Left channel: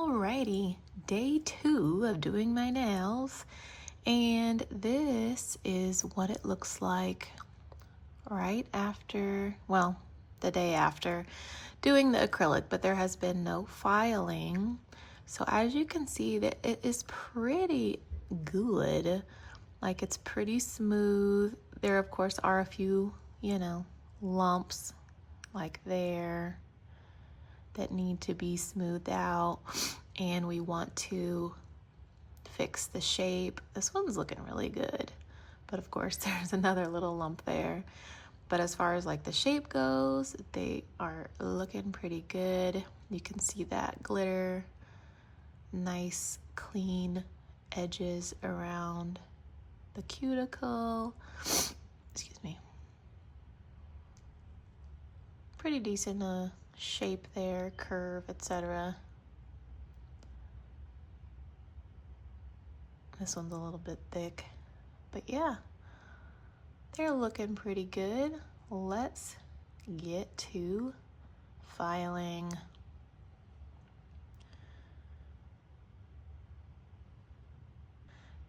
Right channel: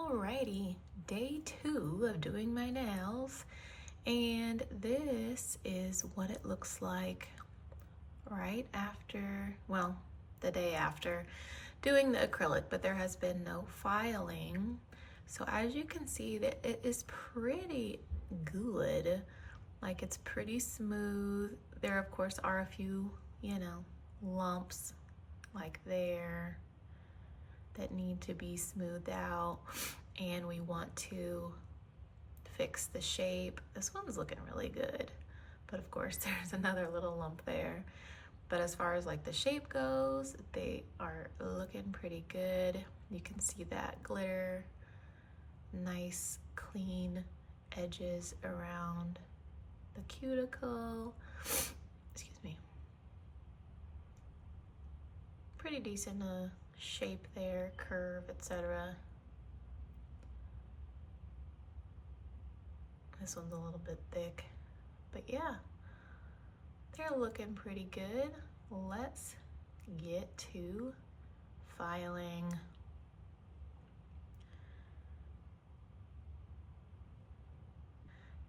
Alrighty, day 2 of doing my nails, and this is what it looks like right after, well, the day after doing the acrylic, but there has been no filing. So as you can see, that it is pretty good. Like, it's pretty smooth. There of course are a few, lumps like there that need to be smoothed out, and we want to fix the shape. This one's looking really good, but of course there's another little lump there. But as far as like the shape goes, they are looking pretty good. You can see that glitter, nice clean edges around the cuticle. Excuse me. Pretty decent shape there, curve, etc. This one's a little bit thick, but yeah, they're looking pretty good. Let's get to filing.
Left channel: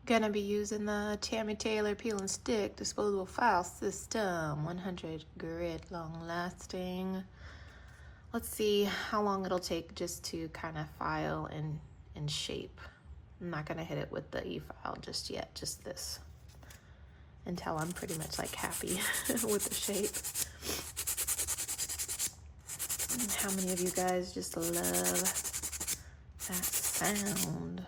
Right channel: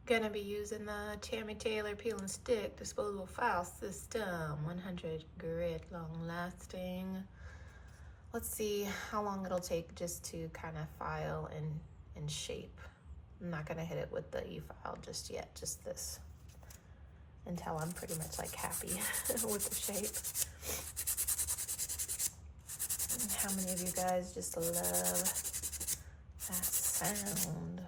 Gonna be using the Tammy Taylor Peel and Stick disposable file system, 100 grit, long lasting. Let's see how long it'll take just to kind of file and shape. I'm not gonna hit it with the e-file just yet, just this, until I'm pretty much like happy with the shape. And how many of you guys just love that sound?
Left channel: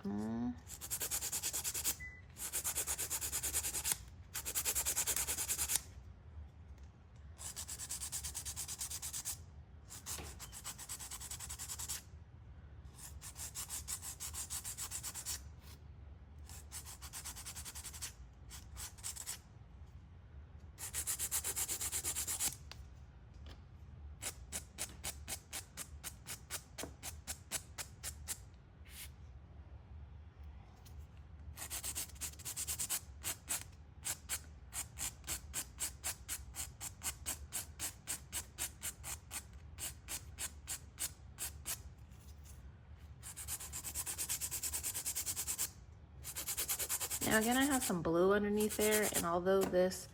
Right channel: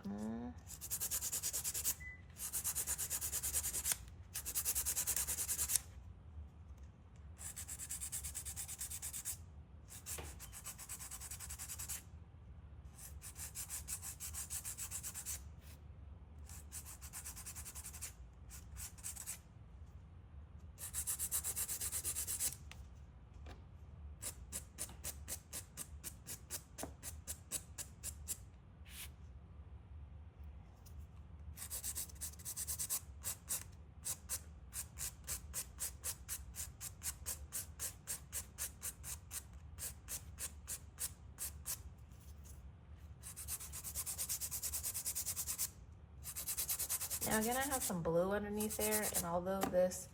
Now I'm gonna have some blue underneath there, and although this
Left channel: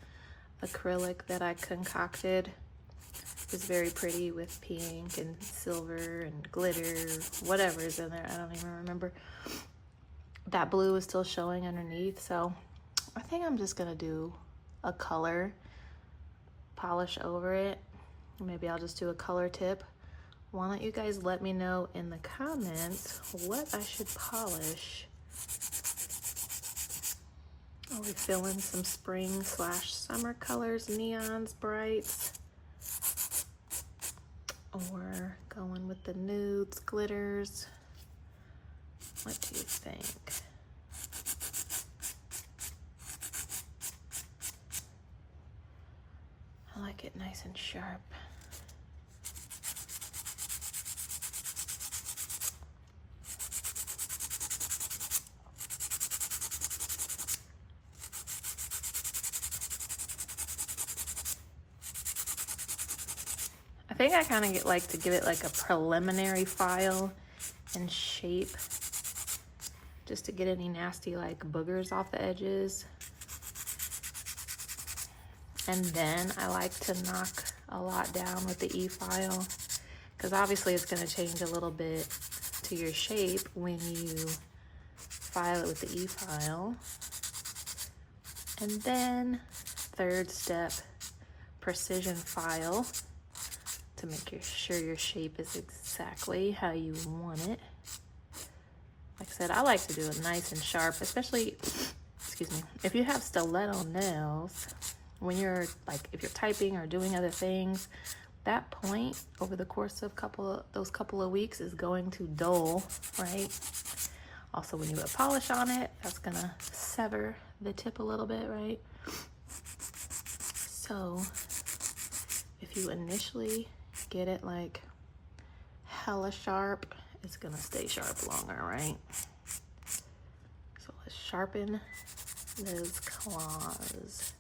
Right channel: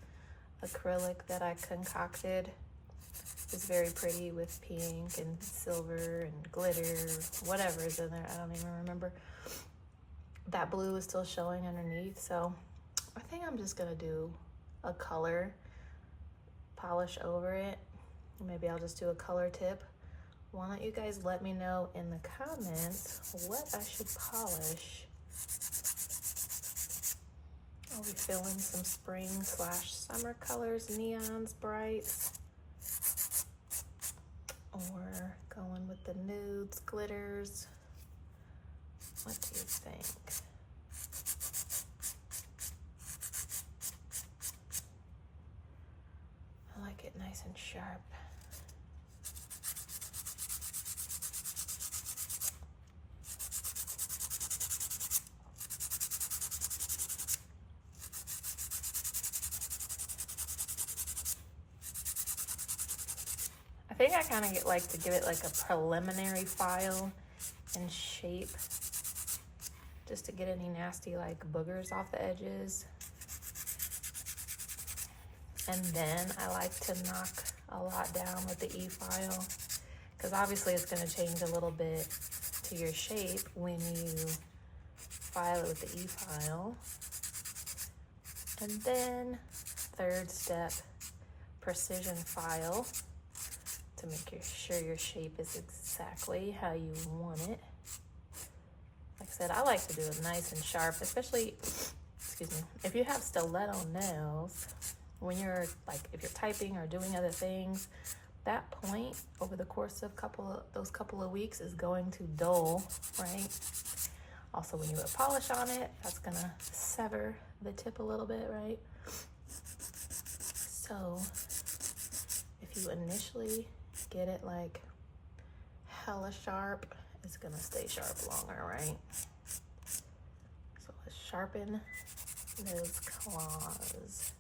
acrylic that I concocted is very pretty with pink and silver and glitter, whatever is in there, I don't even remember, that blue is still showing underneath. So I think I'm just gonna do a color polish over it. Maybe I'll just do a color tip. Why don't you guys let me know in the comments what I should polish. We're filling some spring/summer colors, neons, brights, or going with the nudes, glitters. What do you think? I like it nice and sharp. I think I kind of like to give it like a preliminary file and shape, just to get any nasty like boogers off the edges. And then I like to knock a lot down with the e-file, because obviously it's going to change a little bit to your shape when you file it with the e-file. And then third step, precision file, to make sure your shape is exactly how you want it. Like I said, I like to do it nice and sharp, especially, excuse me, if you have stiletto nails, when you're like, if you're typing or doing other things, that point over the course of those couple of weeks is going to dull, right? Also, when you put polish on it, that's gonna sever the tip a little bit, right? So if you initially get it like hella sharp, it's gonna stay sharp longer, right? So let's sharpen those claws.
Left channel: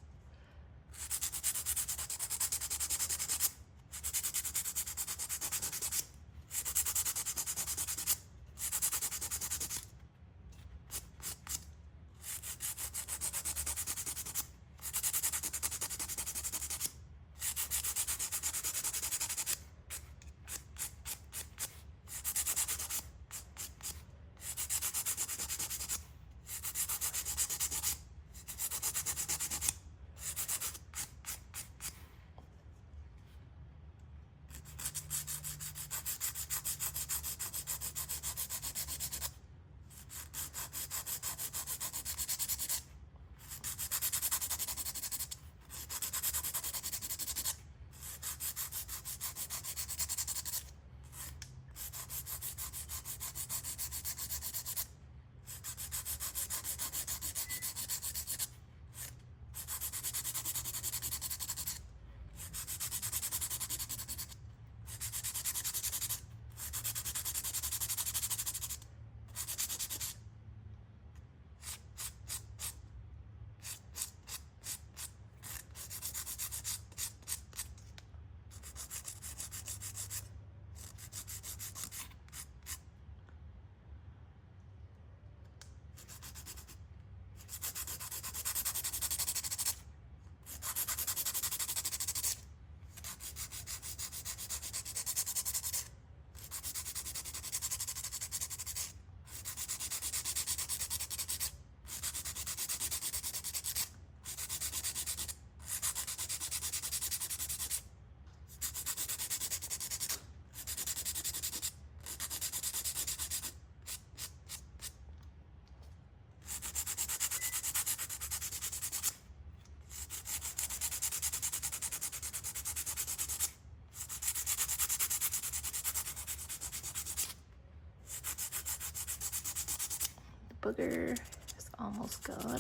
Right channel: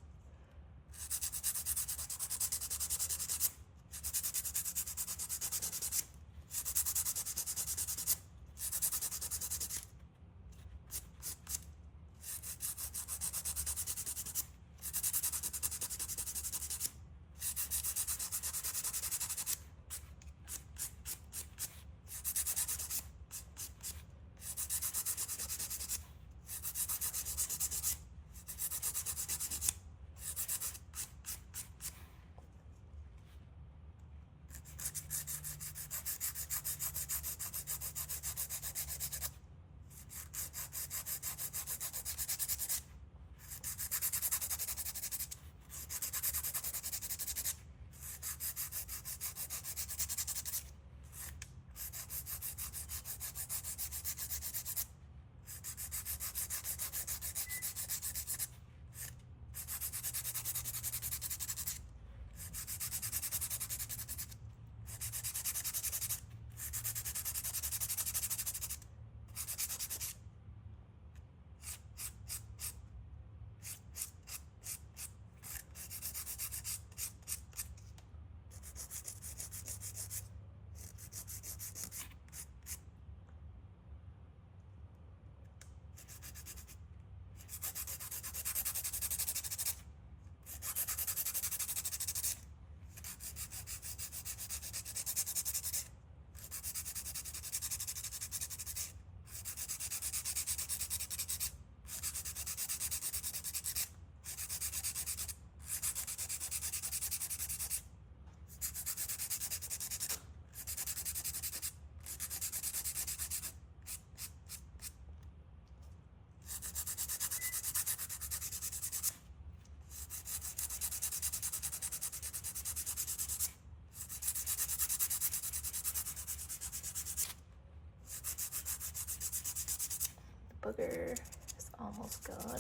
booger is almost gone.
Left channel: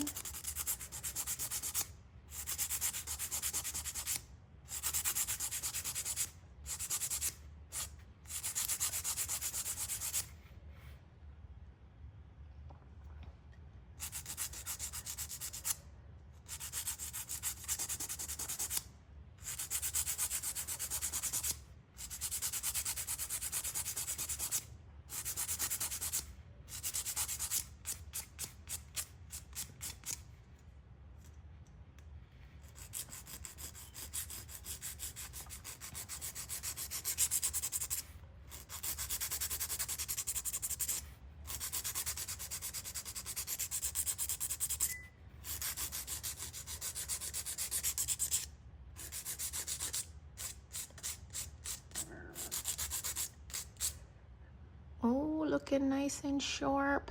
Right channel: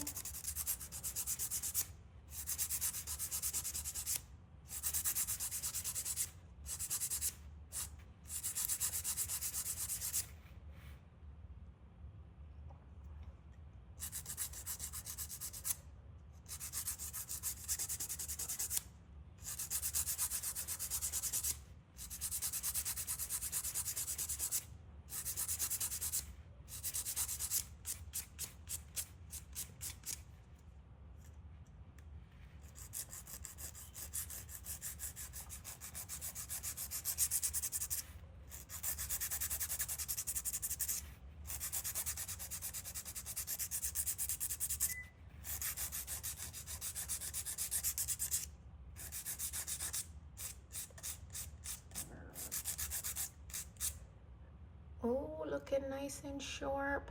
Oh, looking nice and sharp.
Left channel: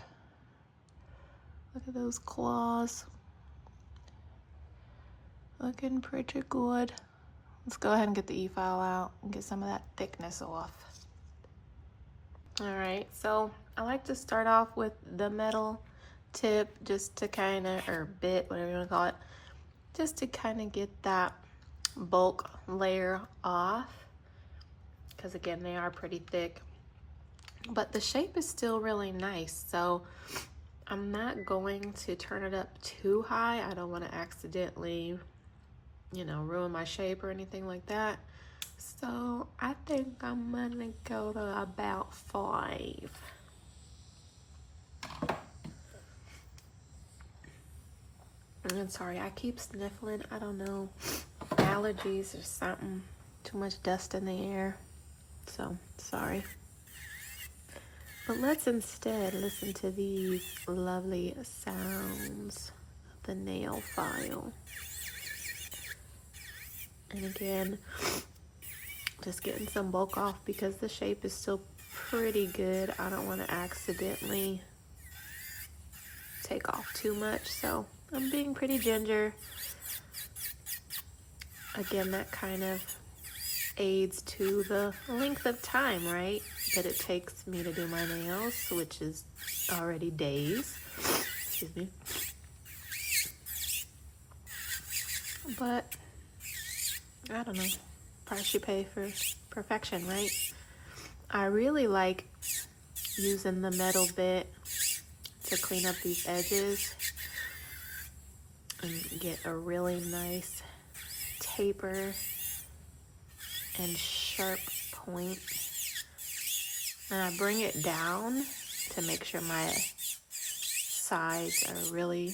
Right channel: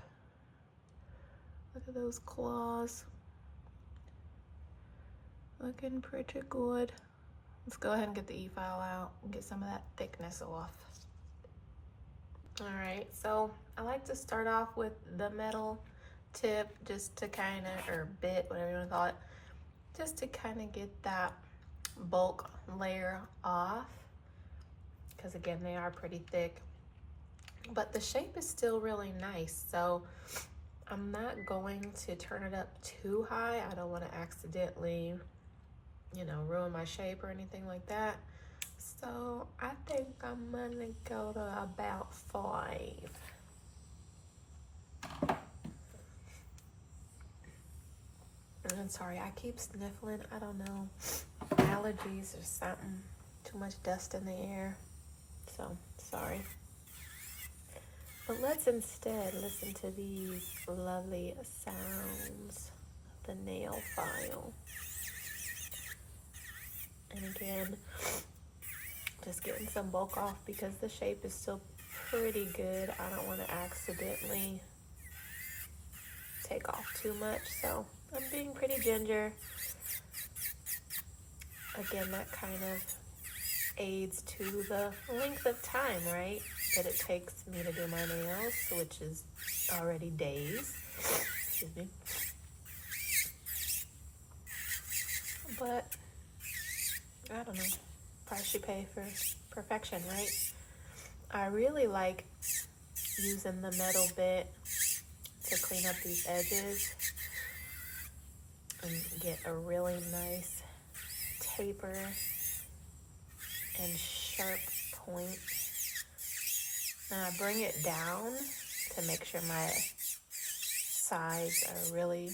Look at those claws. Looking pretty good. Let's go ahead and get the e-file out and get some of that thickness off. All right, so I like to start off with the metal tip just to kind of, or bit, whatever you want to call it, just to kind of get that bulk layer off, because again, they are pretty thick. But the shape is still really nice, so I'm not going to turn it up too high. I don't want to accidentally, you know, ruin my shape or anything like that. So I think I'm gonna go to about 5. I'm sorry, I keep sniffling. I don't know, allergies or something. Too much dust in the air. So sorry. But let's instead listen to these lovely sounds of the nail file. And again, just getting some bulk off because the shape is still pretty good. I don't want to accidentally take off too much, so I'm being pretty ginger. Again, that kind of aids to the length of time, right, that it takes me to do my nails, which is already days. Excuse me. But I don't know, price you pay for perfection, right? I really like using the metal bit to clean up these edges and get a really nice taper and sharp point. And I bring it down to make sure my sides are really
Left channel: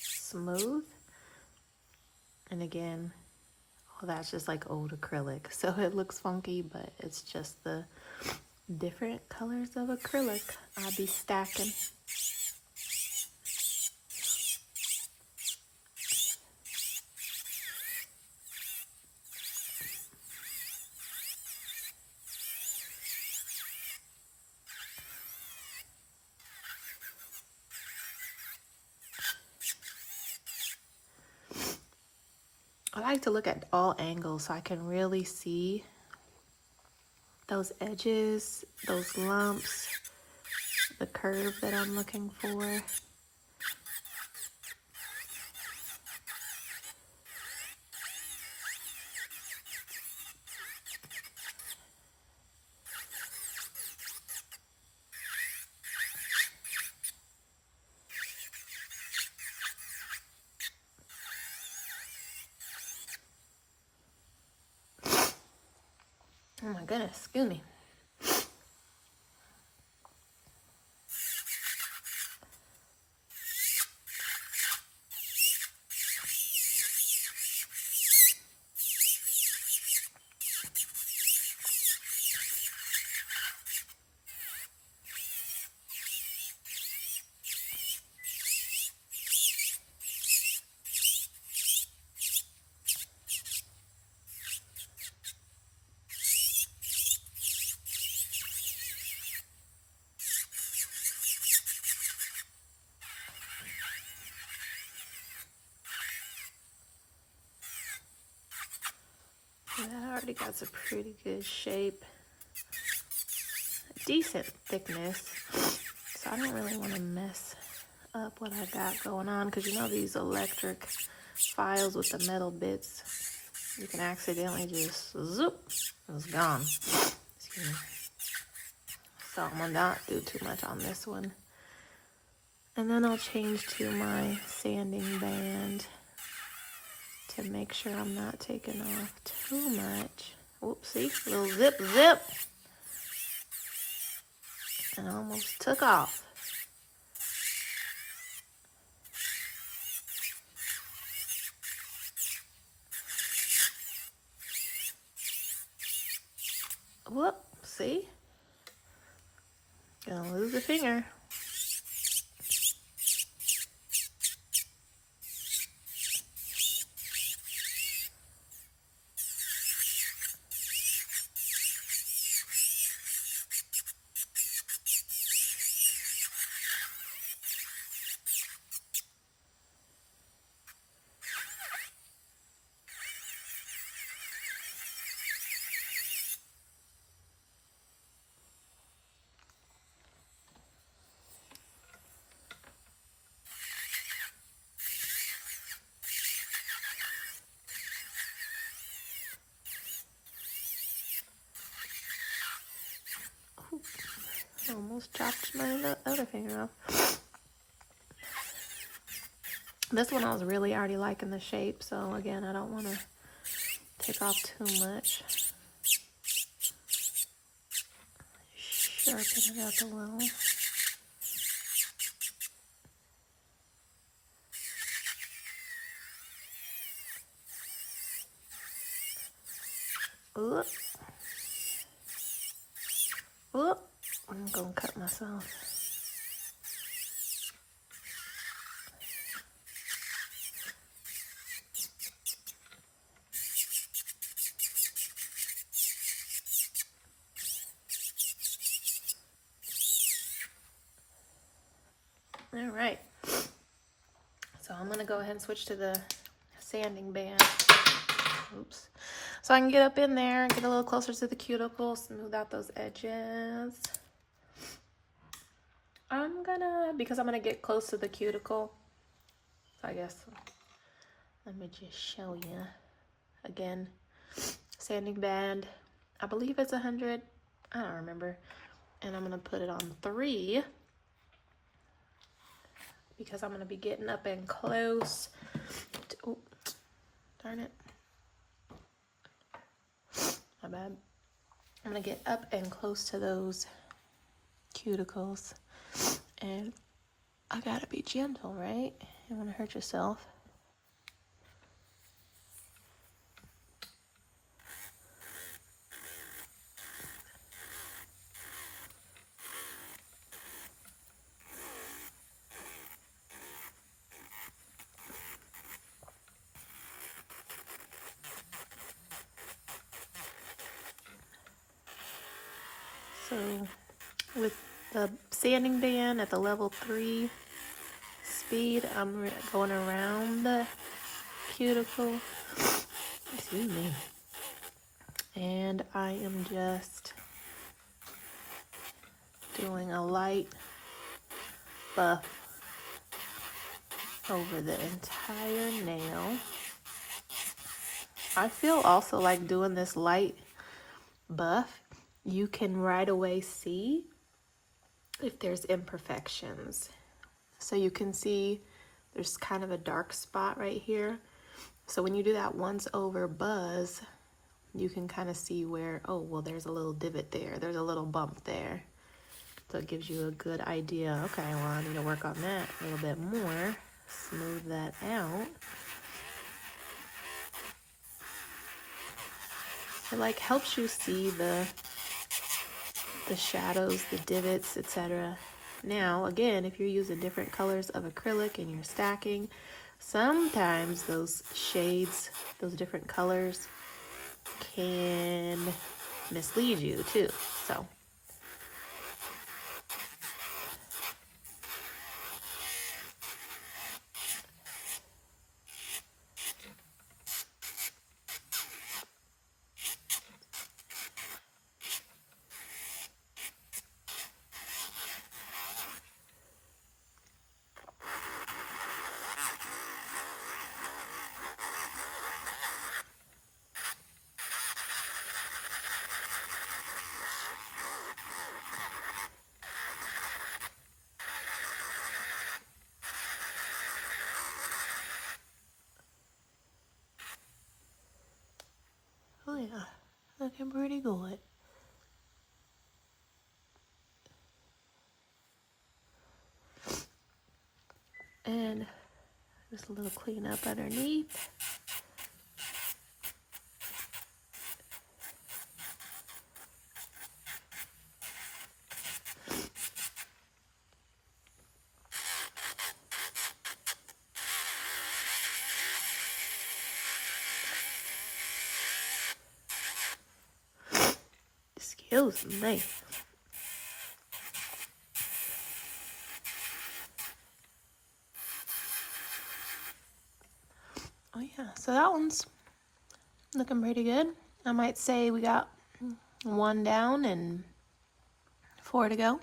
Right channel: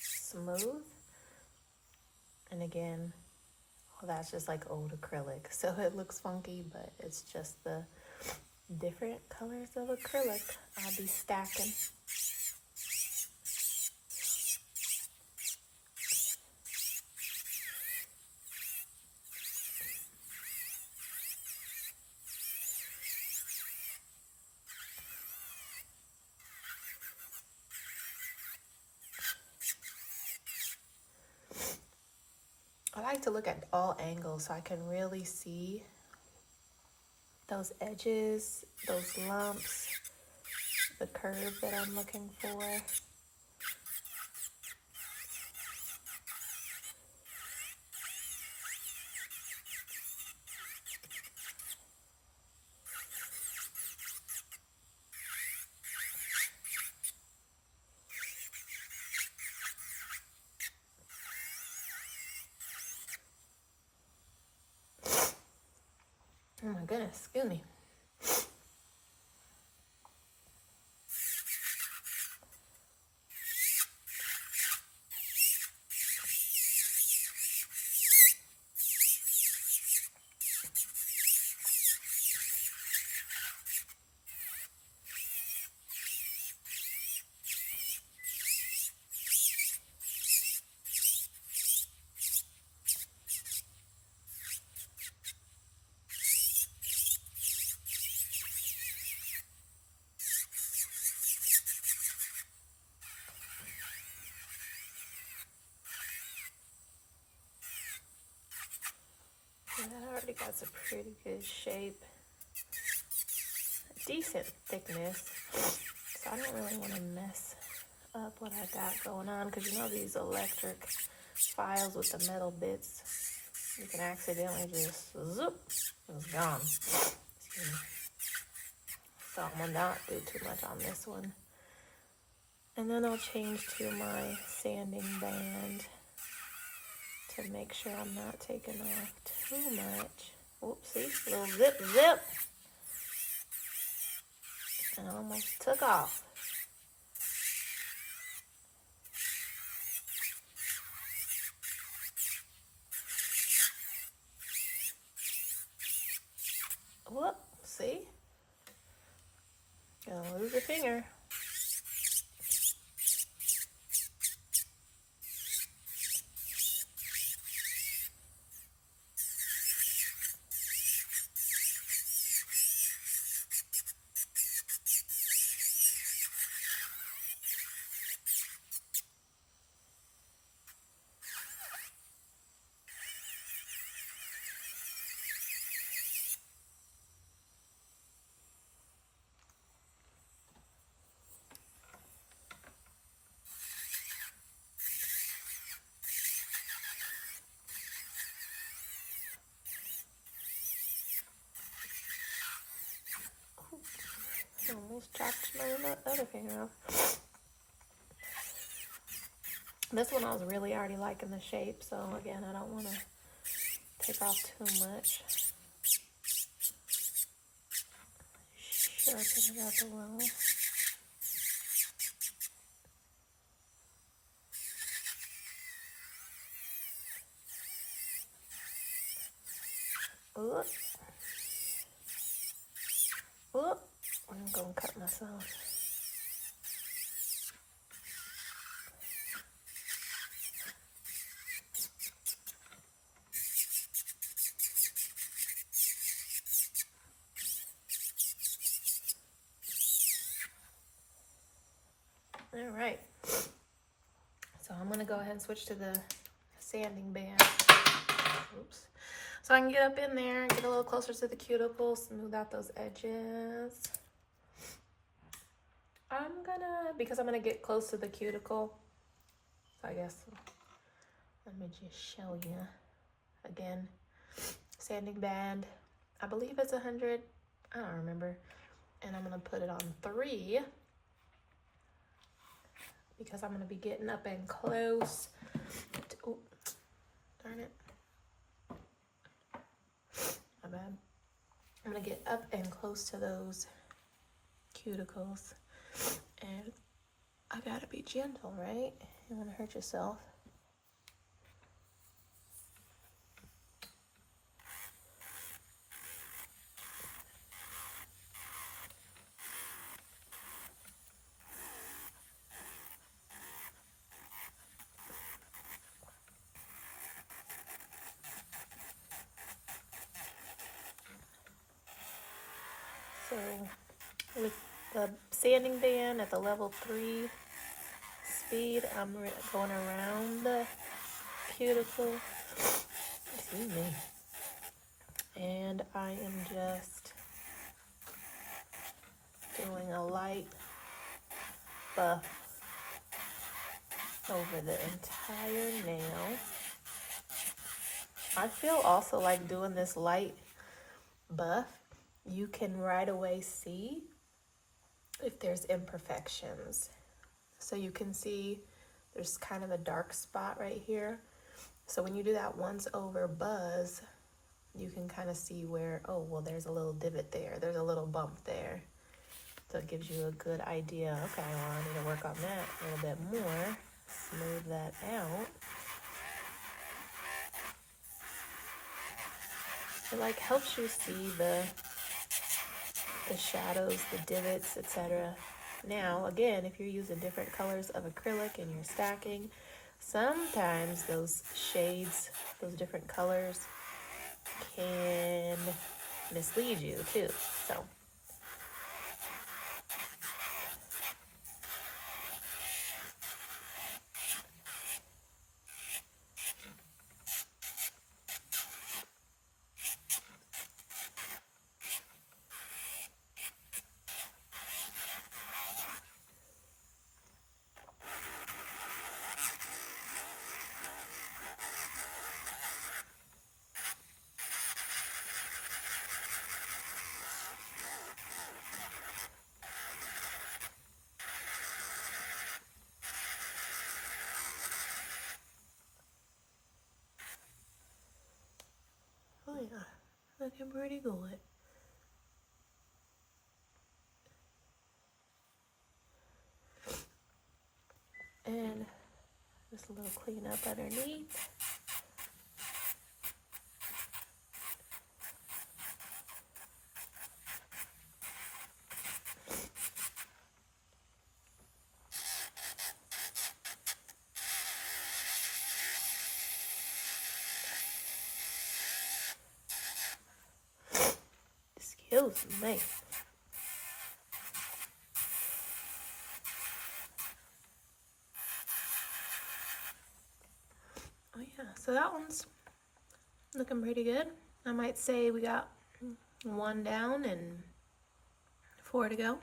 smooth. And again, well, that's just like old acrylic, so it looks funky, but it's just the different colors of acrylic I'll be stacking. I like to look at all angles so I can really see those edges, those lumps, the curve that I'm looking for. Oh my goodness, excuse me. I already got some pretty good shape, decent thickness, so I don't really want to mess what I got going on, because you know these electric files with the metal bits, you can accidentally just zoop, it's gone. Excuse me. So I'm gonna not do too much on this one. And then I'll change to my sanding band to make sure I'm not taking off too much. Whoopsie, little zip, zip. And almost took off. Whoop, see? Gonna lose a finger. Almost chopped my other finger off. This one I was really already liking the shape, so again, I don't want to take off too much. Sharpen it up a little. Oop. Oop. I'm gonna cut myself. All right, so I'm gonna go ahead and switch to the sanding band. Oops. So I can get up in there, get a little closer to the cuticle, smooth out those edges. Because I'm gonna get close to the cuticle, I guess, let me just show you. Again, sanding band, I believe it's 100, I don't remember. And I'm gonna put it on 3. Because I'm gonna be getting up and close to, oh, darn it. My bad. I'm gonna get up and close to those cuticles. And I gotta be gentle, right? You wanna hurt yourself. So with the sanding band at the level 3 speed, I'm going around the cuticle. Excuse me. And I am just doing a light buff over the entire nail. I feel also like doing this light buff, you can right away see if there's imperfections. So you can see there's kind of a dark spot right here. So when you do that once over buzz, you can kind of see where, oh, well, there's a little divot there. There's a little bump there. So it gives you a good idea. Okay, well, I'm going to work on that a little bit more. Smooth that out. It like helps you see the shadows, the divots, etc. Now, again, if you're using different colors of acrylic and you're stacking, sometimes those shades, those different colors can mislead you too. So little cleanup underneath. Excuse me. Oh yeah, so that one's looking pretty good. I might say we got one down and 4 to go.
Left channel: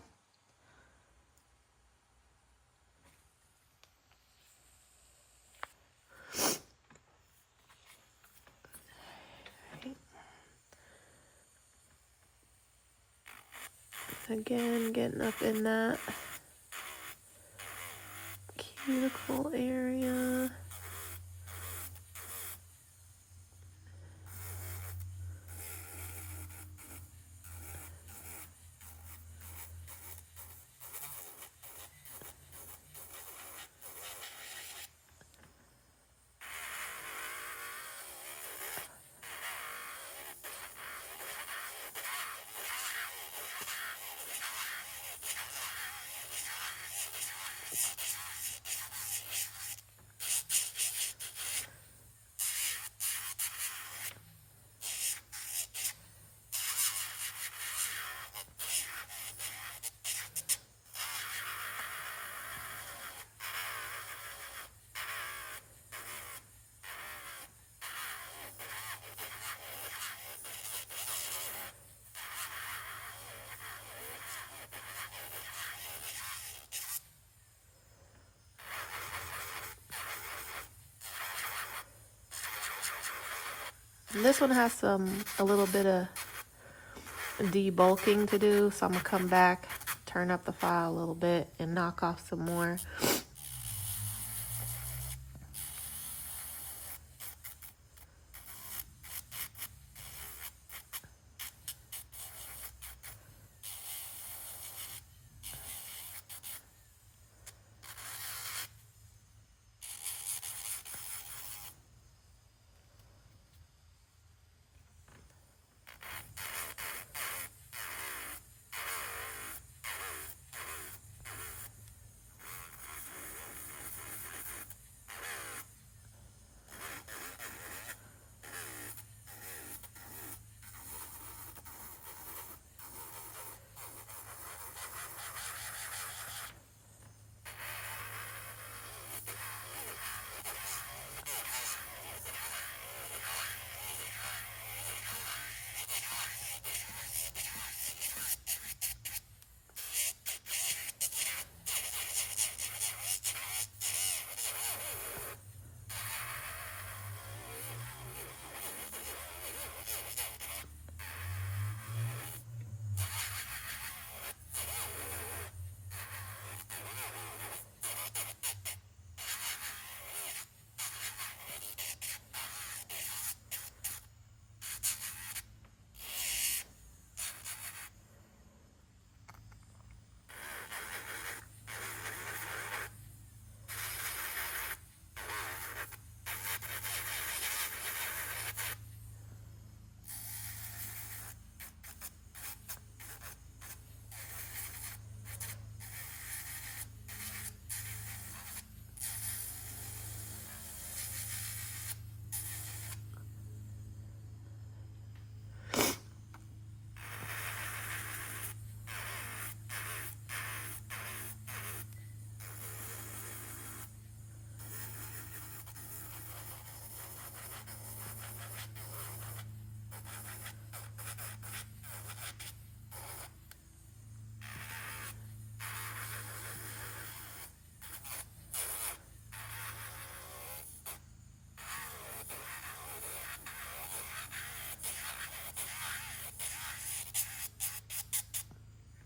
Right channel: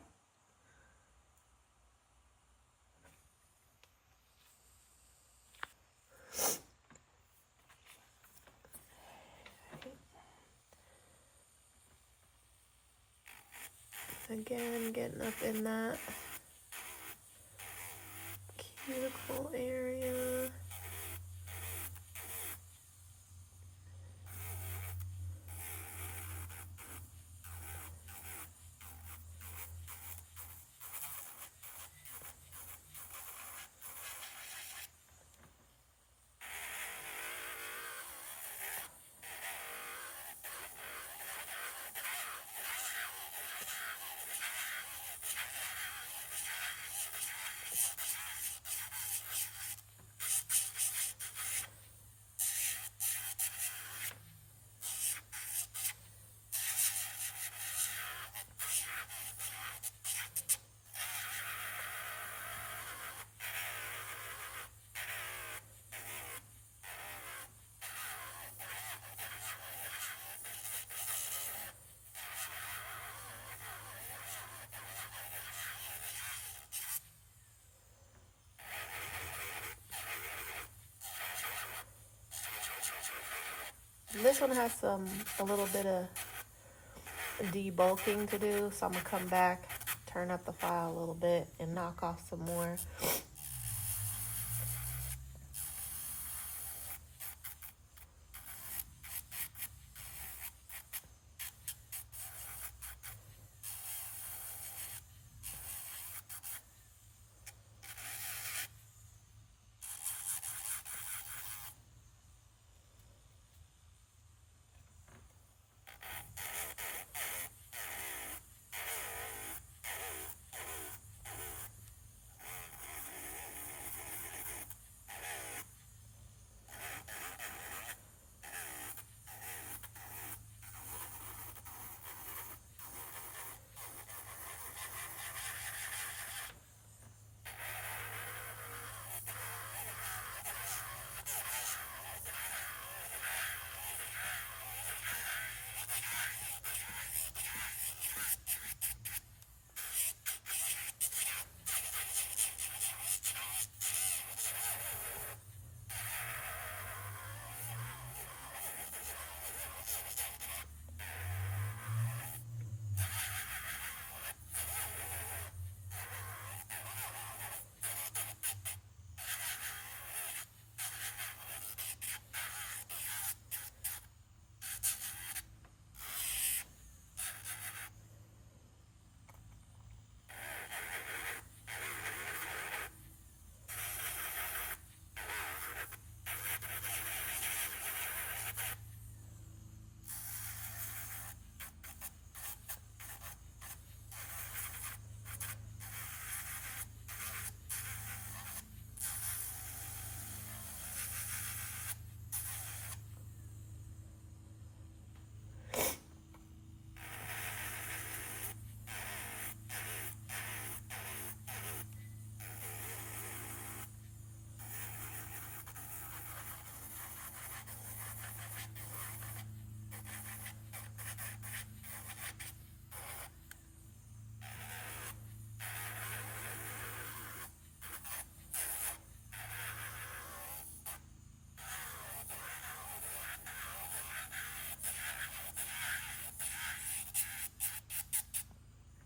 Again, getting up in that cuticle area. And this one has a little bit of debulking to do, so I'm gonna come back, turn up the file a little bit, and knock off some more.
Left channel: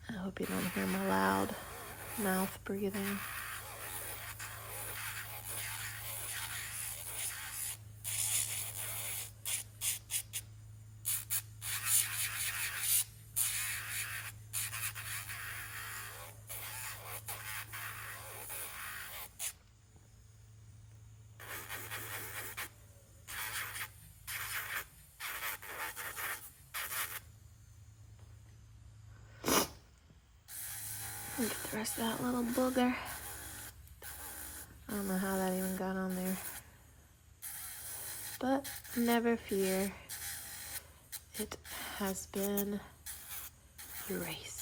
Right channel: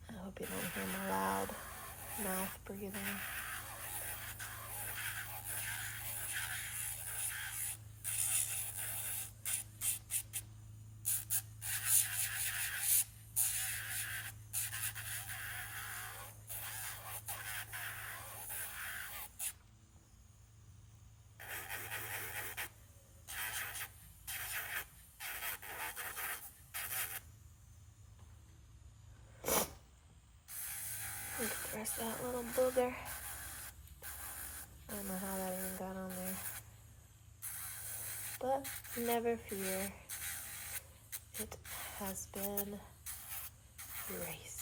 I hope you don't hear my loud mouth breathing. Where's that little booger? I don't know how that even got on there. But never fear. It has been erased.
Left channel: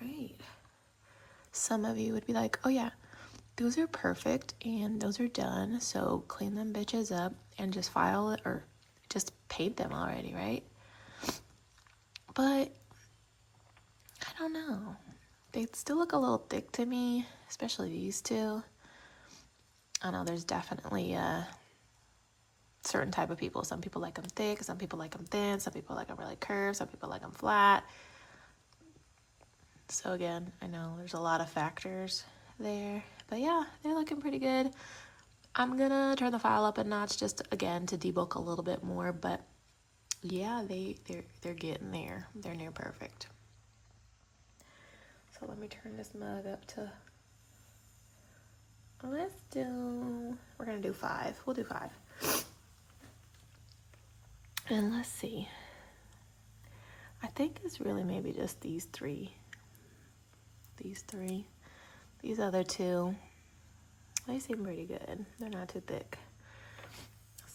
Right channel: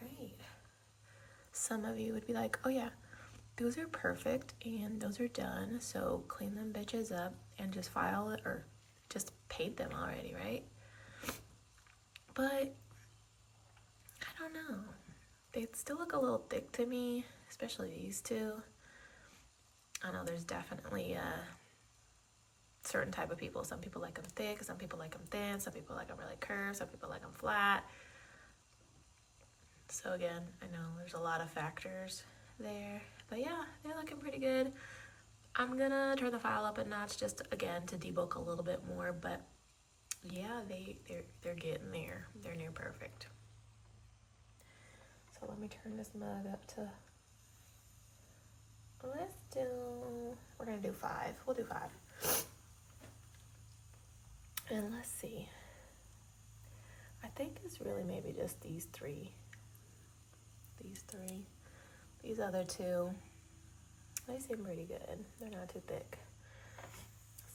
Great. Some of you would be like, oh yeah, those are perfect and those are done, so clean them bitches up and just file it or just paint them already, right? But I don't know. They still look a little thick to me, especially these two. I know there's definitely a certain type of people. Some people like them thick, some people like them thin, some people like them really curved, some people like them flat. So again, I know there's a lot of factors there, but yeah, they're looking pretty good. I'm gonna turn the file up a notch just again to debulk a little bit more, but yeah, they're getting there. They're near perfect. So let me turn this mug up to, we're gonna do 5. We'll do 5. And let's see. I think it's really maybe just these 3. These other 2, they seem pretty good. They're not too thick.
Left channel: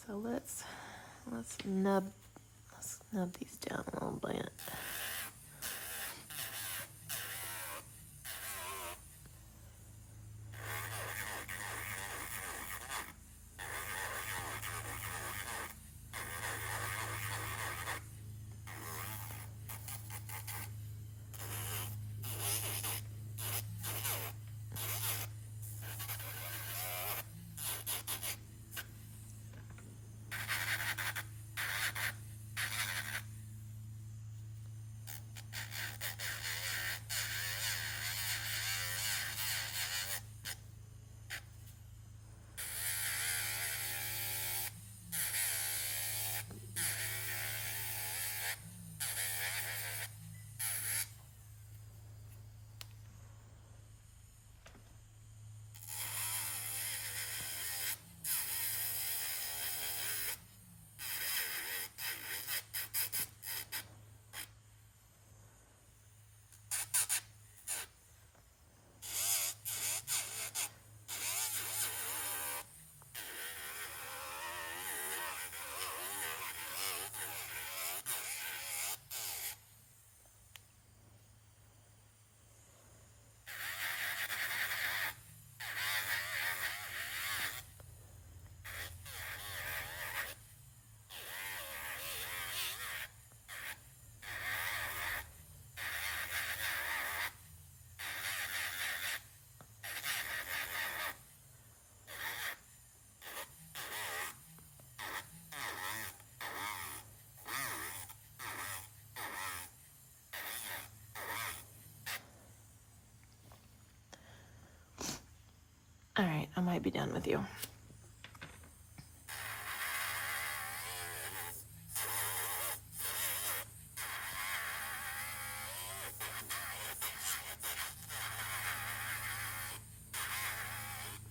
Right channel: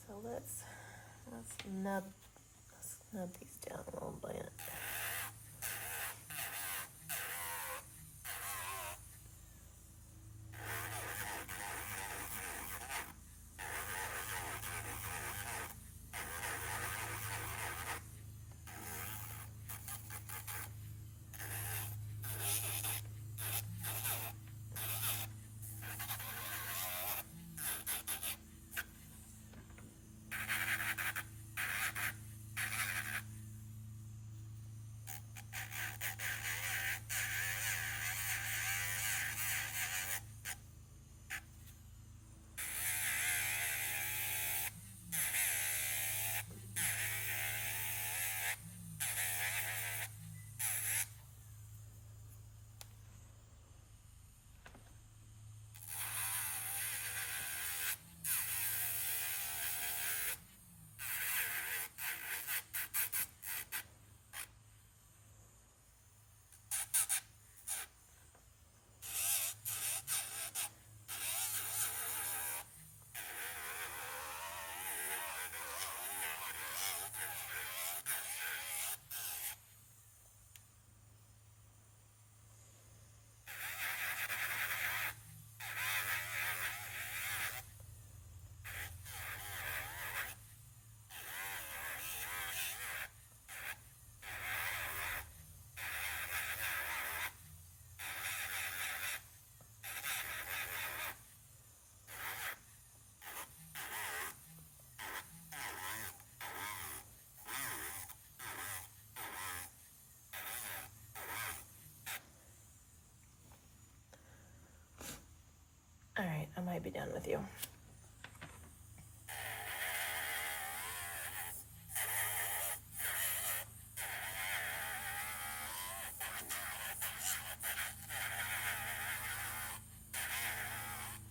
So let's nub these down a little bit. All right, I might be done with you.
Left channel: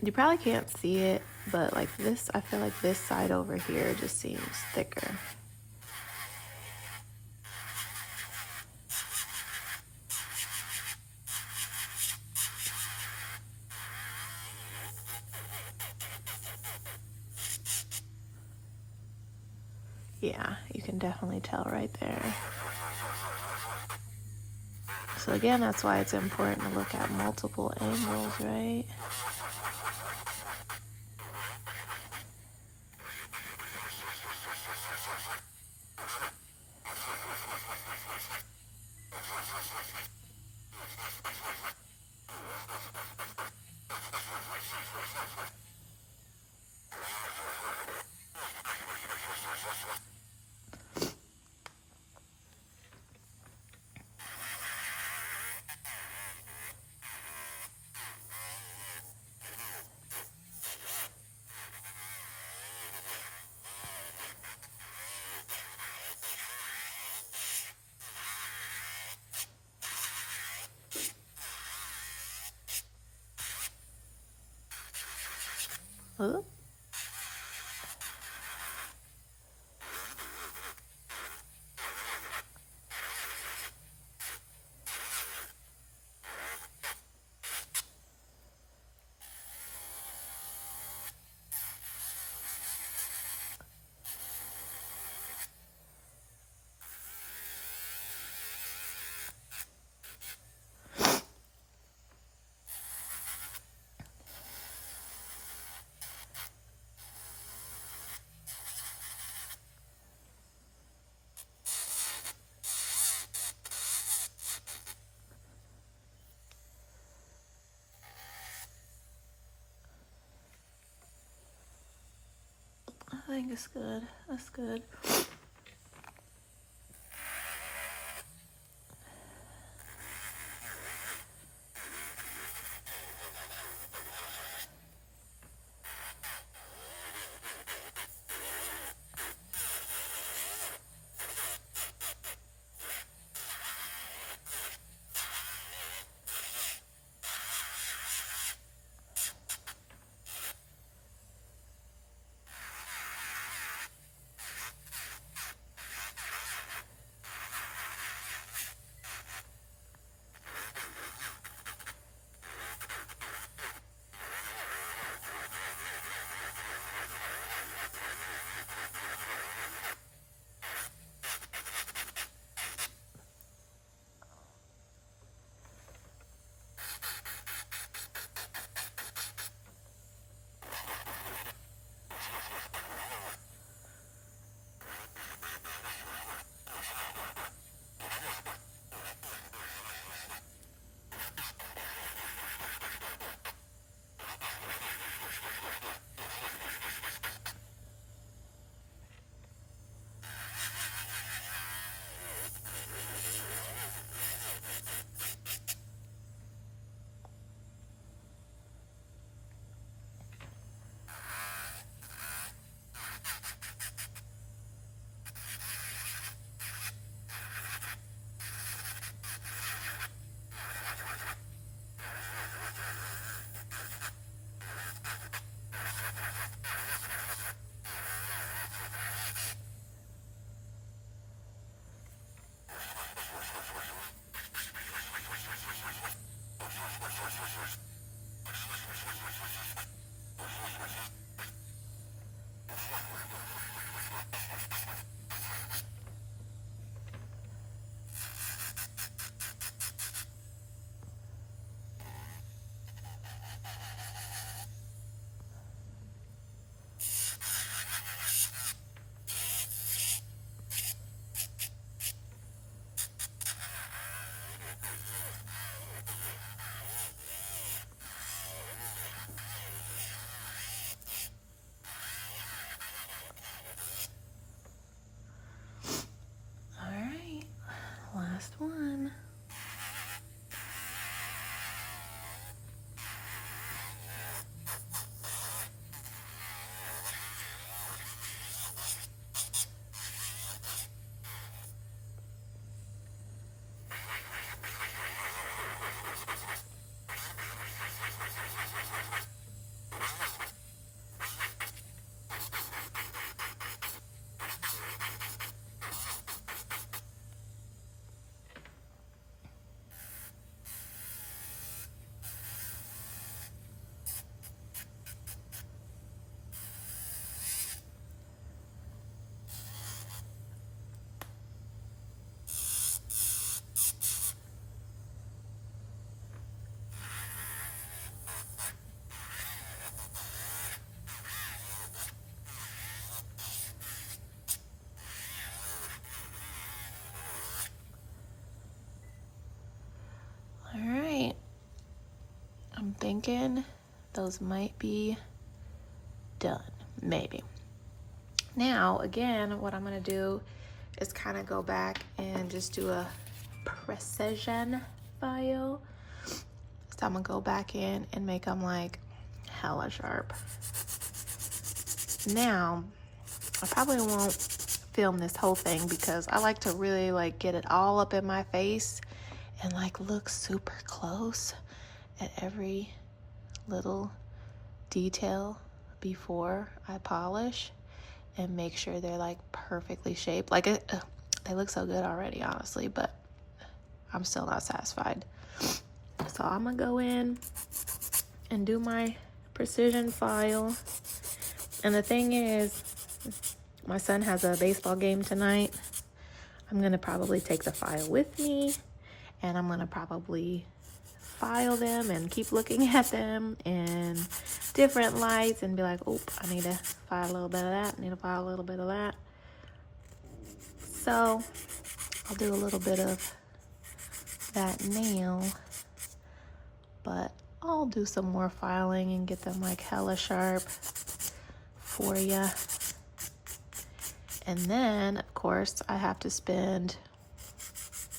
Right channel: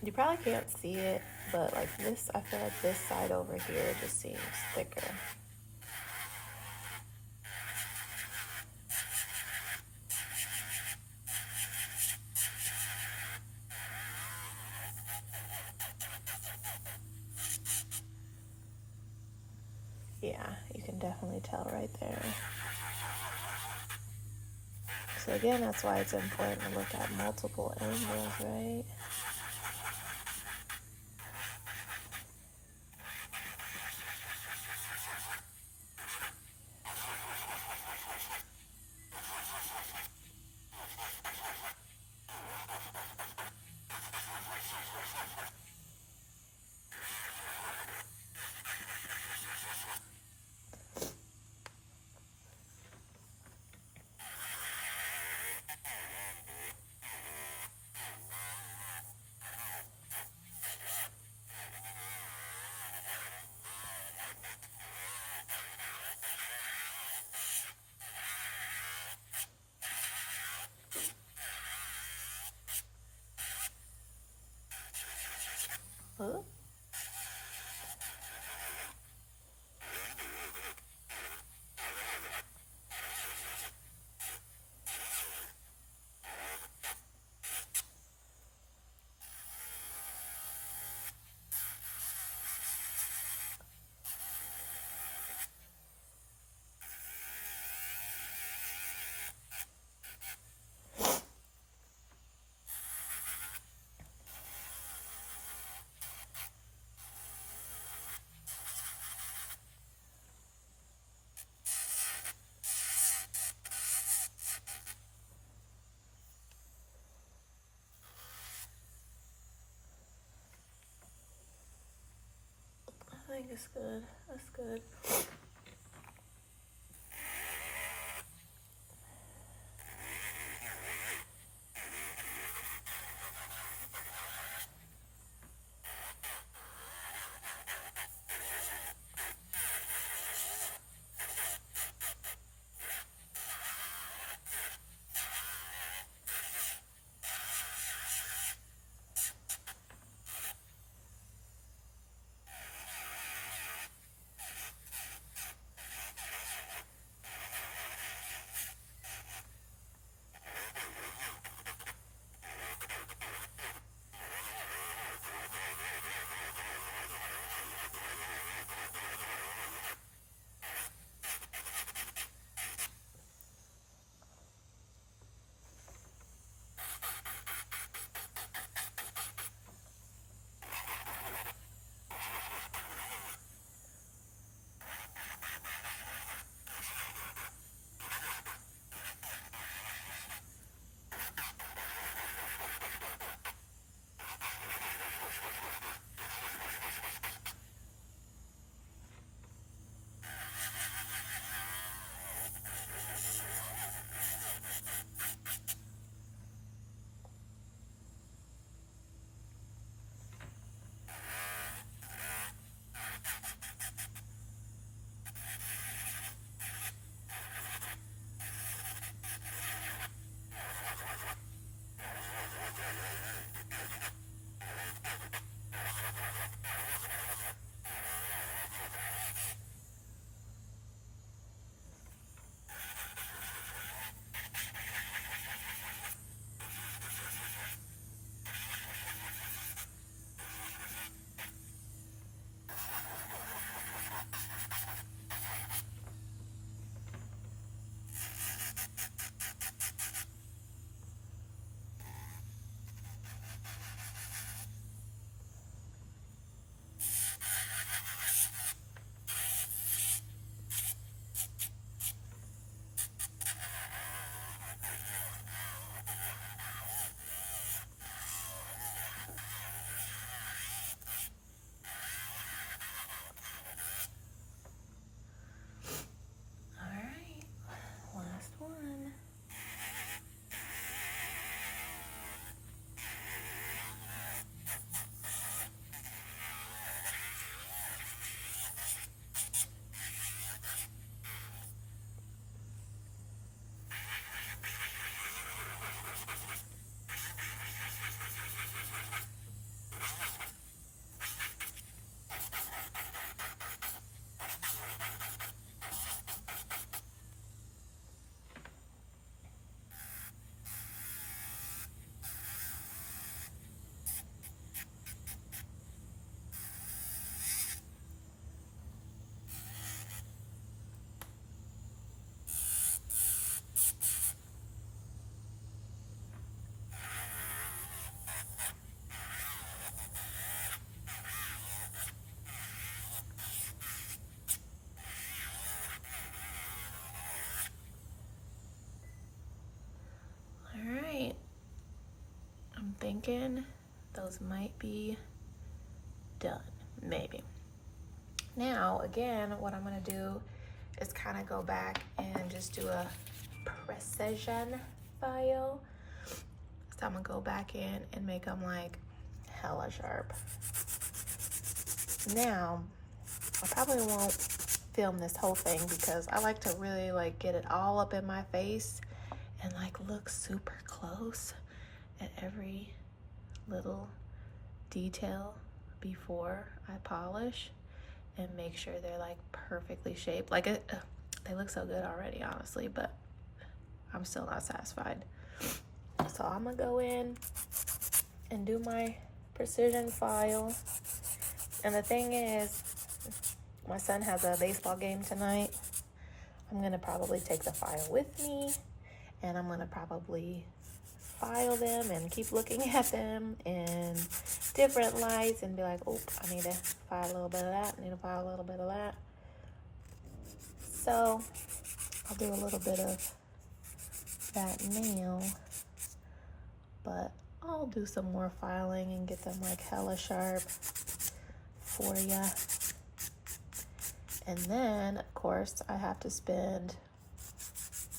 You probably can't see it, but like this, I feel like this side over here just seems thicker. Yeah, you can definitely tell right there. So again, that's why it's important to look at multiple angles, right? Ooh. I think it's good. That's good. thinking those might be done, maybe. Now, again, what I'm gonna do is kind of go back and just do a precision file. So I'm gonna go back in and make them like hella sharp. Now, I probably won't film this whole thing because I like to really like get it all up in my face and like look super close at every little detail before I polish and make sure they're like perfectly shaped. Like they look so good already, honestly, but I'm still not satisfied. So I'm gonna go in and do my precision file. And the thing is, my son has a baseball game tonight. I'm gonna probably take the file with me, and I'm gonna probably file them and keep looking at them in different lights and be like, oop, I need to file a little bit of that, I need to file a little bit of that. So I'll do a little bit of that nail, but I'll do some more filing and get them like hella sharp for you. And then, of course, I have to spend,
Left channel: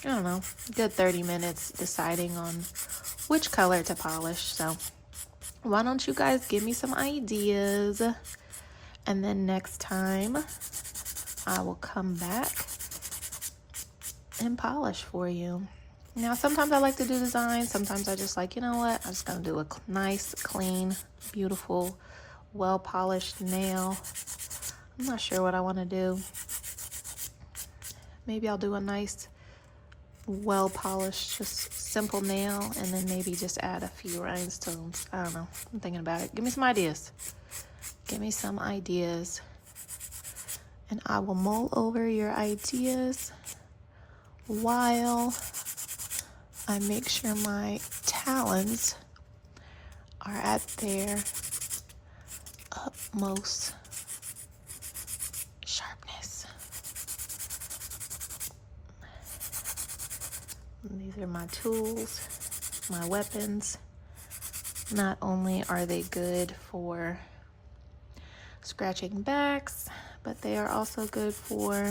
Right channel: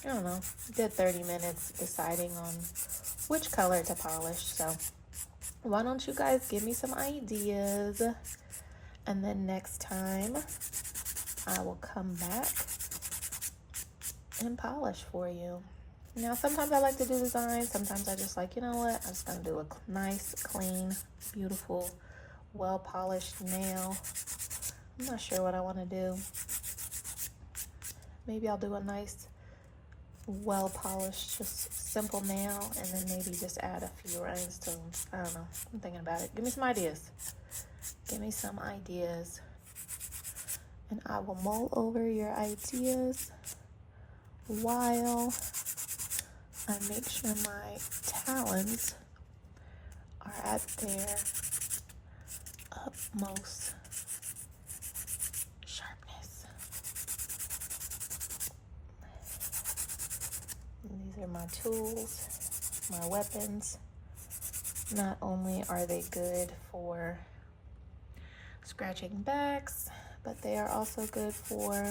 I don't know, a good 30 minutes deciding on which color to polish. So why don't you guys give me some ideas? And then next time I will come back and polish for you. Now, sometimes I like to do designs. Sometimes I just like, you know what? I'm just gonna do a nice, clean, beautiful, well-polished nail. I'm not sure what I want to do. Maybe I'll do a nice, well-polished, just simple nail, and then maybe just add a few rhinestones. I don't know. I'm thinking about it. Give me some ideas. Give me some ideas. And I will mull over your ideas while I make sure my talons are at their utmost sharpness. And these are my tools, my weapons. Not only are they good for scratching backs, but they are also good for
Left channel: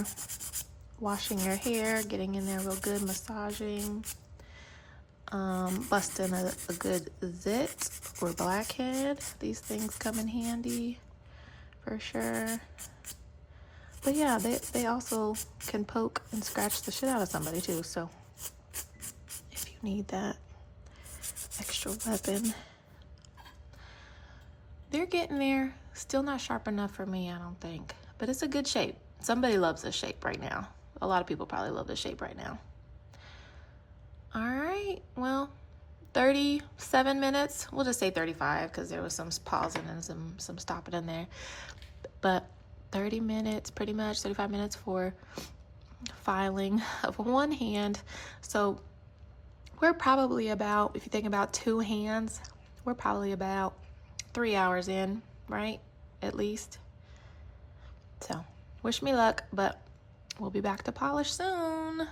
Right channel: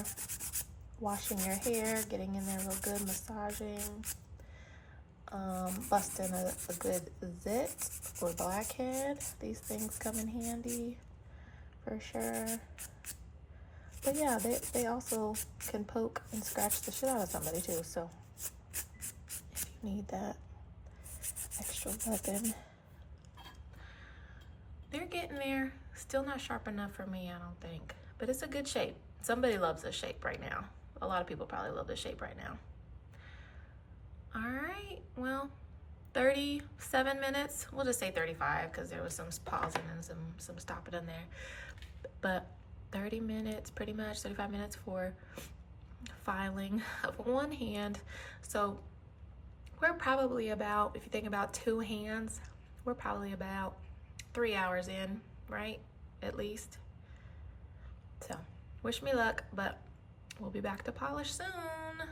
washing your hair, getting in there real good, massaging, busting a good zit or blackhead. These things come in handy for sure. But yeah, they also can poke and scratch the shit out of somebody too. So if you need that extra weapon, they're getting there. Still not sharp enough for me, I don't think, but it's a good shape. Somebody loves this shape right now. A lot of people probably love this shape right now. All right, well, 37 minutes. We'll just say 35 because there was some pausing and some stopping in there. But 30 minutes, pretty much 35 minutes for filing of one hand. So we're probably about, if you think about two hands, we're probably about 3 hours in, right? At least. So wish me luck, but we'll be back to polish soon.